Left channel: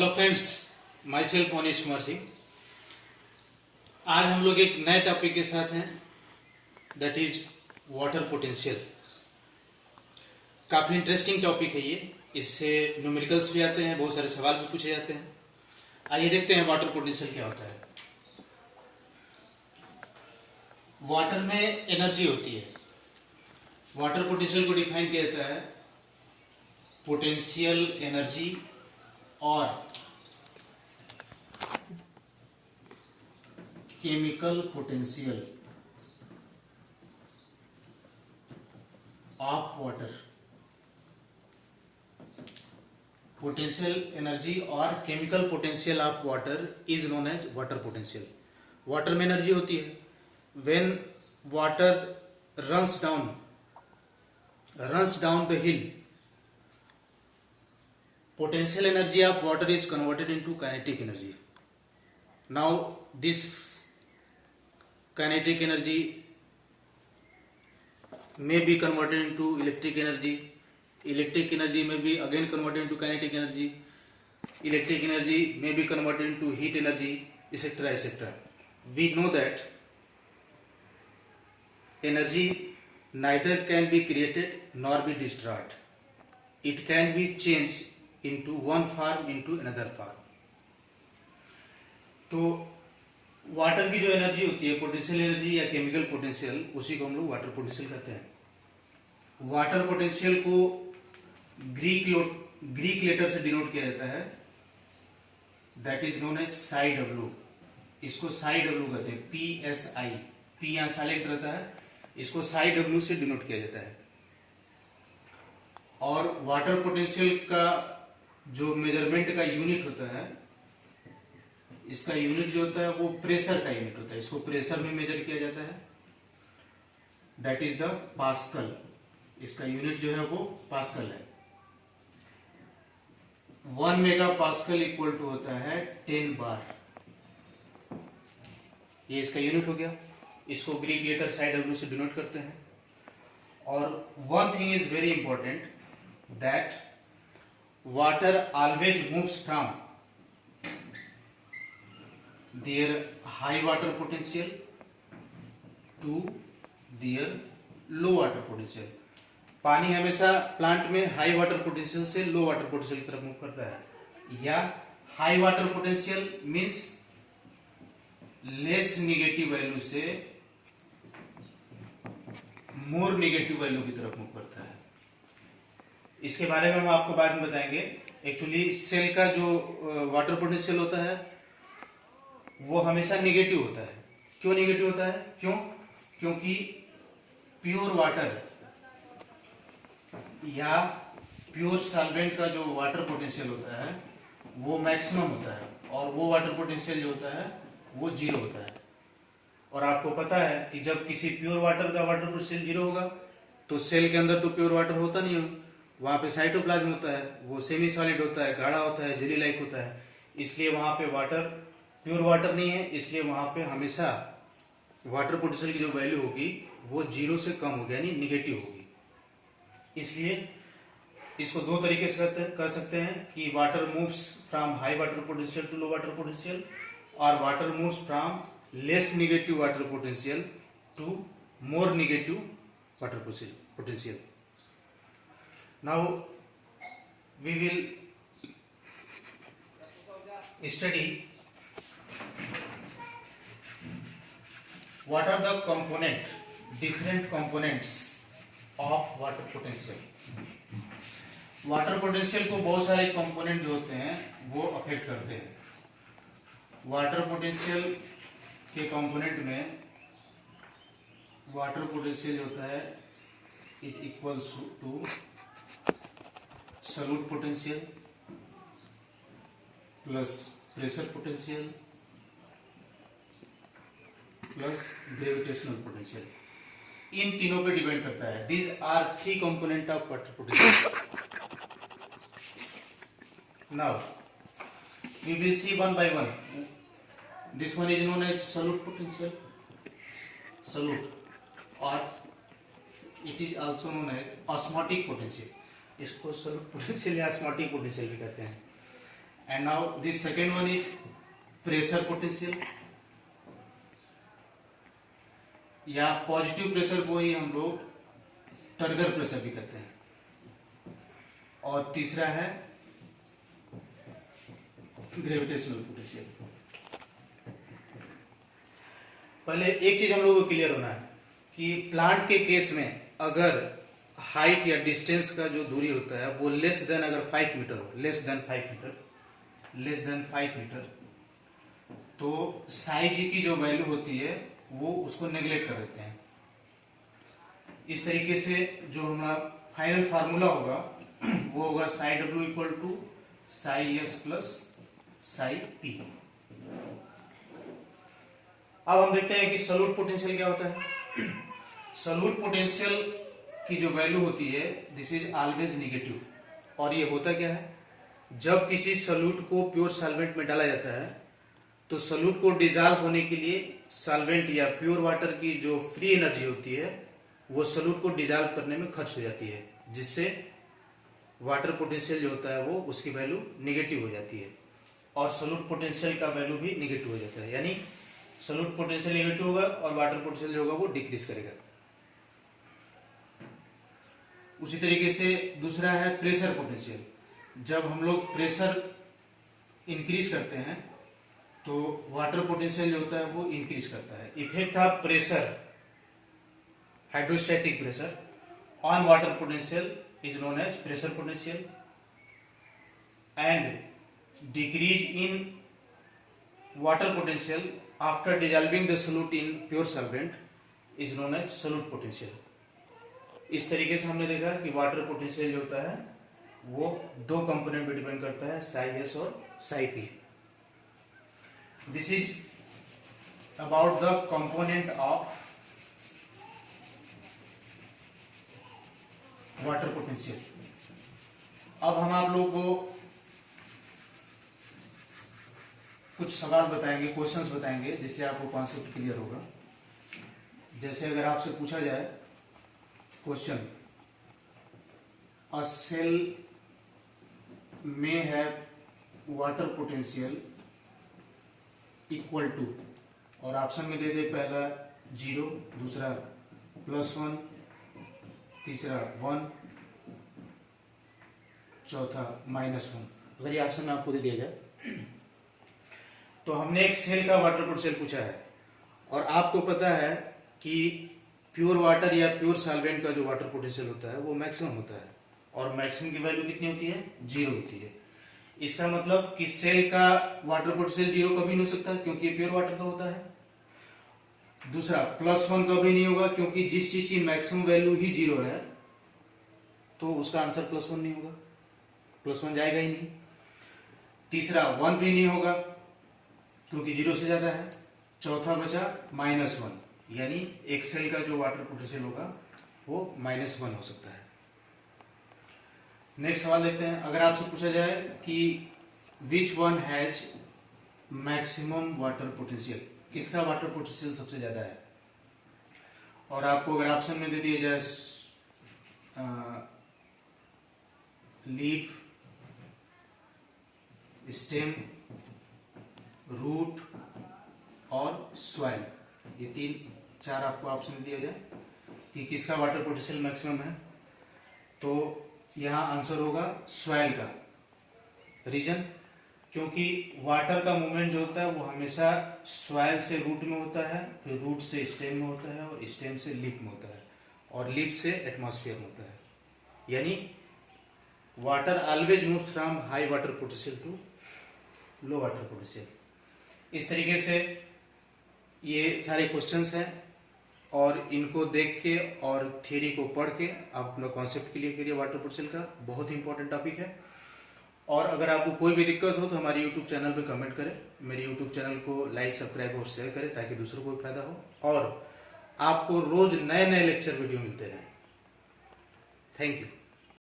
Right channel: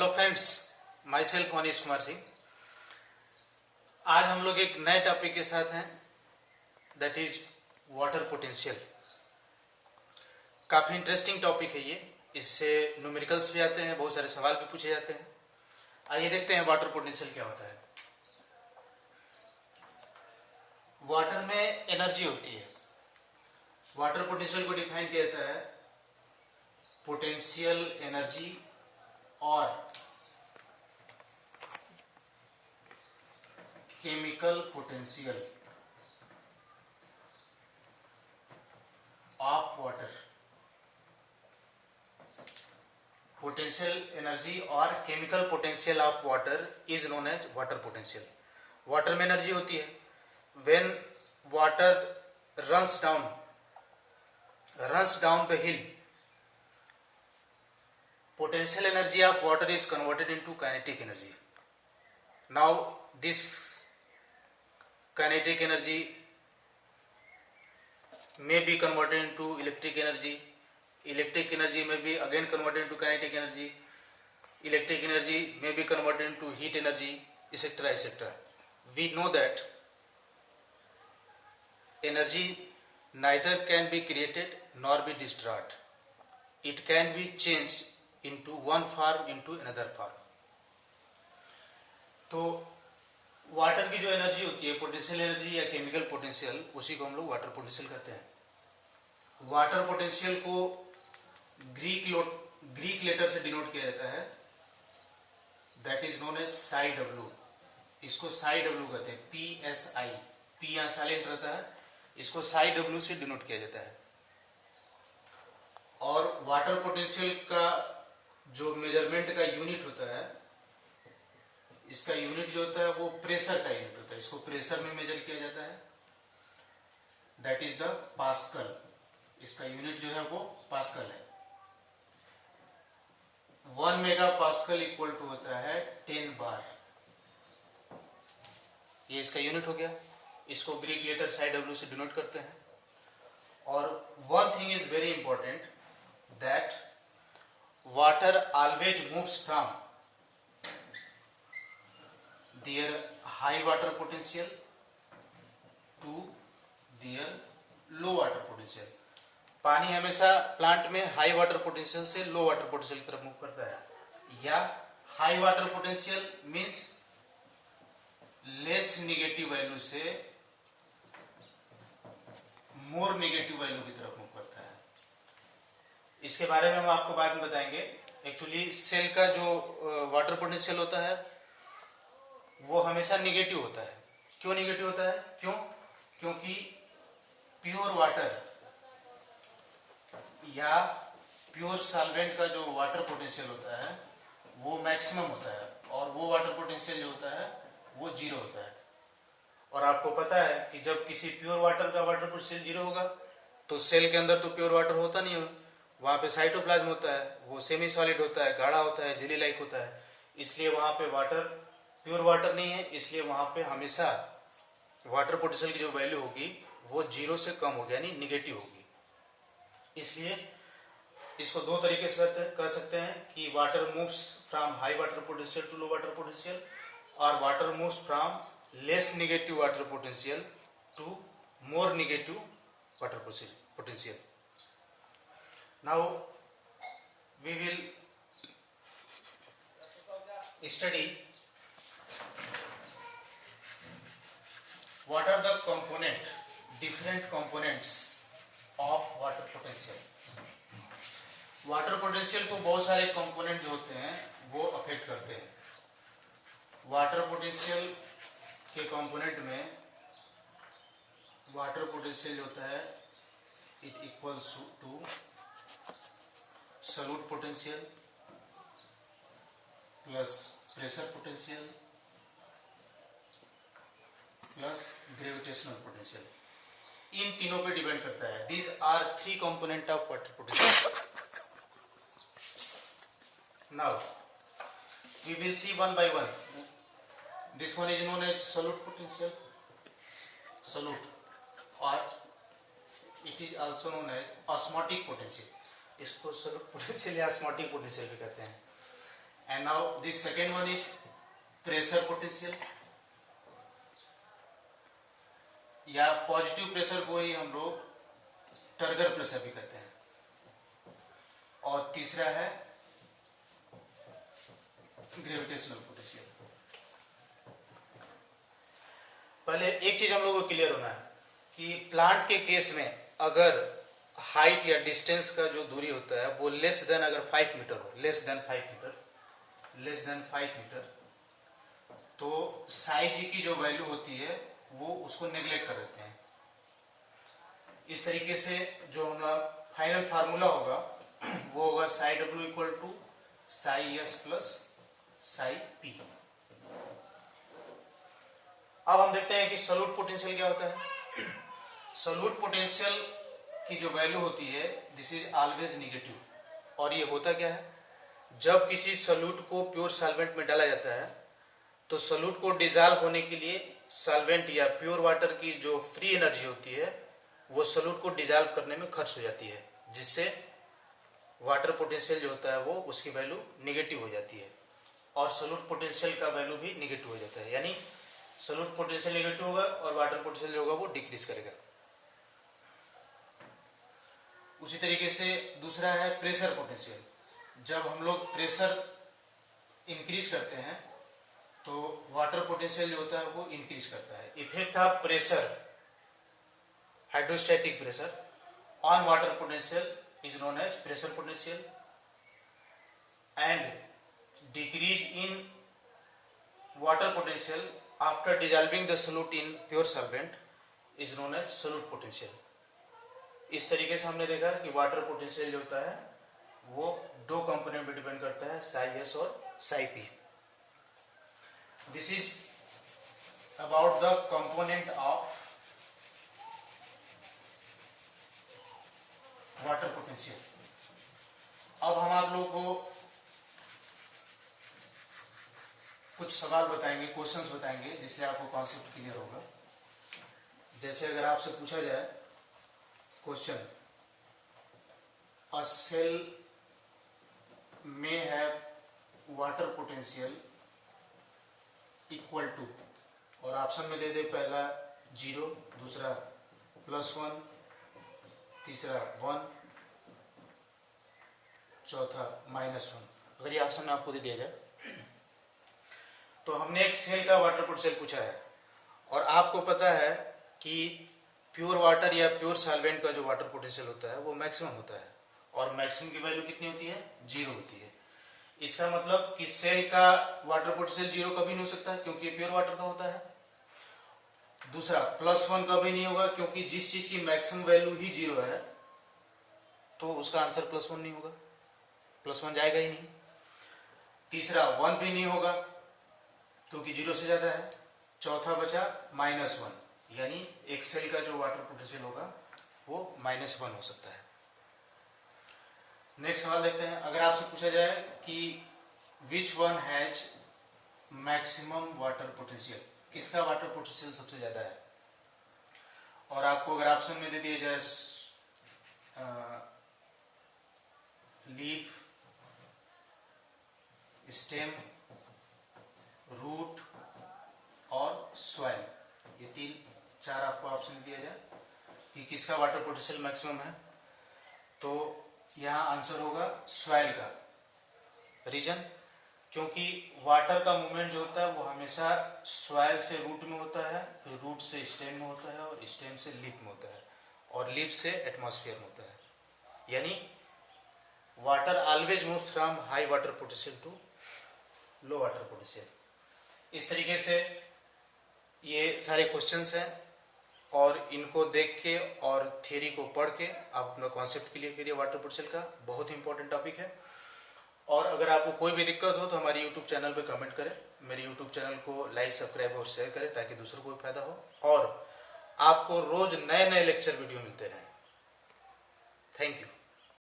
Hello friends, my self Manish Kumar Singh. आज हम लोग एक नए टॉपिक के साथ हैं, दैट इज वाटर पोटेंशियल। काफी इंटरेस्टिंग टॉपिक है ये। इससे न्यूमेरिकल्स भी आते हैं, बहुत सारे सवाल भी पूछे जाते हैं। आइए देखते हैं वाटर पोटेंशियल क्या होता है। वाटर में एनर्जी होती है। वाटर पोटेंशियल को डिफाइन किया जाता है पोटेंशियल एनर्जी और chemical potential of water. Potential energy और chemical potential of water is known as water potential. Water में एनर्जी होती है। When water runs down the hill, potential energy of water is converted into kinetic energy. Now this kinetic energy may be converted into electric energy. Electric energy may be again converted into kinetic energy. Electric energy may be converted into heat energy, etc., etc. We know that energy neither can be created nor be destroyed. It can be changed into one form into another form. तो water की जो energy होती है, potential energy या chemical potential, उसी को हम लोग वाटर पोटेंशियल कहते हैं। वाटर पोटेंशियल को ग्रीक लेटर से डिनोट किया जाता है, that is known as psi W. इसको साई डब्ल्यू कहते हैं, PSI। पी यहां साइलेंट रहता है, इसको साई डब्ल्यू से डिनोट किया जाता है। और वाटर पोटेंशियल का जो मेजरमेंट का यूनिट होता है, इसका यूनिट जो होता है वो प्रेशर का यूनिट होता है। इसको प्रेशर में मेजर किया जाता है, दैट इज द पास्कल। इसका यूनिट जो है वो पास्कल है। 1 मेगा पास्कल इक्वल टू होता है 10 बार। ये इसका यूनिट हो गया। इसको ग्रीक लेटर साई डब्ल्यू से डिनोट करते हैं। और one thing is very important, that water always moves from their high water potential to their low water potential। पानी हमेशा प्लांट में हाई वाटर पोटेंशियल से लो वाटर पोटेंशियल की तरफ मूव करता है। या high water potential means less negative value से मोर निगेटिव वैल्यू की तरफ मूव करता है। इसके बारे में हम आपको बाद में बताएंगे। एक्चुअली सेल का जो वाटर पोटेंशियल होता है वो हमेशा निगेटिव होता है। क्यों निगेटिव होता है? क्योंकि प्योर वाटर या प्योर सॉल्वेंट का जो वाटर पोटेंशियल होता है वो मैक्सिमम होता है, और वो वाटर पोटेंशियल जो होता है वो जीरो होता है। और आपको पता है कि जब किसी प्योर वाटर का वाटर पोटेंशियल जीरो होगा तो सेल के अंदर तो प्योर वाटर होता नहीं होगा, वहां पे साइटोप्लाज्म होता है, वो सेमी सॉलिड होता है, गाढ़ा होता है, जेली लाइक होता है। इसलिए वहां पे वाटर प्योर वाटर नहीं है। इसलिए वहां पे हमेशा वाटर पोटेंशियल की जो वैल्यू होगी वो जीरो से कम होगी, यानी निगेटिव होगी। इसलिए इसको दो तरीके से कर सकते हैं कि water moves from high water potential to low water potential, और water moves from less negative water potential to more negative water potential. Now we will study what are the different components of water potential। Water potential को बहुत सारे component जो होते हैं वो affect करते हैं। वाटर पोटेंशियल के कंपोनेंट में वाटर पोटेंशियल होता है it equals to solute potential plus pressure potential plus gravitational potential. इन तीनों पे डिपेंड करता है। These are 3 component of water potential. Now we will see one by one. This one is known as solute potential, solute, और it is also known as osmotic potential. इसको solute potential या osmotic potential भी कहते हैं। And now this second one is pressure potential, या positive pressure को ही हम लोग टर्गर प्रेशर भी कहते हैं। और तीसरा है ग्रेविटेशनल पोटेंशियल। पहले एक चीज हम लोगों को क्लियर होना है कि प्लांट के केस में अगर हाइट या डिस्टेंस का जो दूरी होता है वो लेस देन अगर 5 मीटर हो, लेस देन 5 मीटर, तो साई जी की जो वैल्यू होती है वो उसको नेग्लेक्ट कर देते हैं। इस तरीके से जो हमारा फाइनल फार्मूला होगा वो होगा psi W equal to psi S plus psi P. अब हम देखते हैं कि सॉल्यूट पोटेंशियल क्या होता है। सॉल्यूट पोटेंशियल की जो वैल्यू होती है दिस इज ऑलवेज निगेटिव। और ये होता क्या है, जब किसी सॉल्यूट को प्योर सॉल्वेंट में डाला जाता है तो सॉल्यूट को डिजॉल्व होने के लिए सॉल्वेंट या प्योर वाटर की जो फ्री एनर्जी होती है वो सॉल्यूट को डिजॉल्व करने में खर्च हो जाती है, जिससे वाटर पोटेंशियल जो होता है वो उसकी वैल्यू निगेटिव हो जाती है और सॉल्यूट पोटेंशियल का वैल्यू भी निगेटिव हो जाता है। यानी सॉल्यूट पोटेंशियल निगेटिव होगा और वाटर पोटेंशियल जो होगा वो डिक्रीज करेगा। उसी तरीके से दूसरा है प्रेशर पोटेंशियल। जब हम लोग प्रेशर इंक्रीज करते हैं तो वाटर पोटेंशियल जो होता है वो इंक्रीज करता है। Effect of pressure, hydrostatic pressure on water potential is known as pressure potential and decrease in water potential after dissolving the solute in pure solvent is known as solute potential. इस तरीके से हमने देखा कि water potential जो होता है वो दो कंपोनेंट पे डिपेंड करता है, साई एस और Sai P. This is about the component of water potential. अब हम आप लोगों को कुछ सवाल बताएंगे, क्वेश्चंस बताएंगे, जिससे आपको कॉन्सेप्ट क्लियर होगा। जैसे अगर आपसे पूछा जाए क्वेश्चन, अ सेल में है वाटर पोटेंशियल इक्वल टू, और ऑप्शन में दे दे पहला 0, दूसरा +1, तीसरा 1, चौथा -1। अगर ये ऑप्शन में आपको दे दिया जाए तो हमने एक सेल का वाटर पोटेंशियल पूछा है और आपको पता है कि प्योर वाटर या प्योर सॉल्वेंट का जो वाटर पोटेंशियल होता है वो मैक्सिमम होता है और मैक्सिमम की वैल्यू कितनी होती है, 0 होती है। इसका मतलब कि सेल का वाटर पोटेंशियल 0 कभी नहीं हो सकता क्योंकि ये प्योर वाटर का होता है। दूसरा +1 कभी नहीं होगा क्योंकि जिस चीज की मैक्सिमम वैल्यू ही 0 है तो उसका आंसर +1 नहीं होगा, +1 जाएगा ही नहीं। तीसरा 1 भी नहीं होगा क्योंकि 0 से ज्यादा है। चौथा बचा -1, यानी एक सेल का जो वाटर पोटेंशियल होगा वो -1 हो सकता है। नेक्स्ट सवाल देखते हैं। अगर आपसे पूछा जाए कि which one has maximum water potential, किसका वाटर पोटेंशियल सबसे ज्यादा है, और आपको अगर ऑप्शन में दे दिया जाए लीफ, स्टेम, रूट और सॉइल, ये 4 आपको ऑप्शन दिया जाए कि किसका वाटर पोटेंशियल मैक्सिमम है, तो यहां आंसर होगा सॉइल का। रीजन, क्योंकि वाटर का मूवमेंट जो होता है वो हमेशा सॉइल से रूट में होता है, फिर रूट से स्टेम में होता है और स्टेम से लिप में होता है और लिप से एटमॉस्फेयर में होता है। यानी water always move from high water potential to low water potential. इस तरीके से ये सारे क्वेश्चंस हैं और इनको देख के और थ्योरी को पढ़ के आप अपना कॉन्सेप्ट क्लियर करिए। वाटर पोटेंशियल का बहुत इंपॉर्टेंट टॉपिक है। और अगर आपको कोई भी दिक्कत हो तो हमारे यूट्यूब चैनल पे कमेंट करें, मेरे यूट्यूब चैनल को लाइक, सब्सक्राइब और शेयर करें ताकि दूसरों को भी फायदा हो और आपको रोज नए नए लेक्चर वीडियो मिलते रहें। Thank you.